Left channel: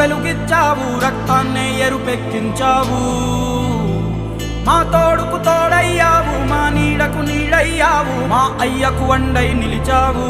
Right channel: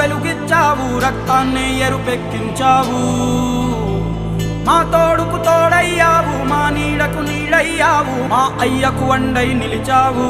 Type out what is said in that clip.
వెలుగిచ్చావు, రక్తాన్నే ఎరుపెక్కించావు. మా తోడుకు తోడయ్యావు, మా నీడకు నీడయ్యావు, మా అయ్యకు వండై నిలిచావు.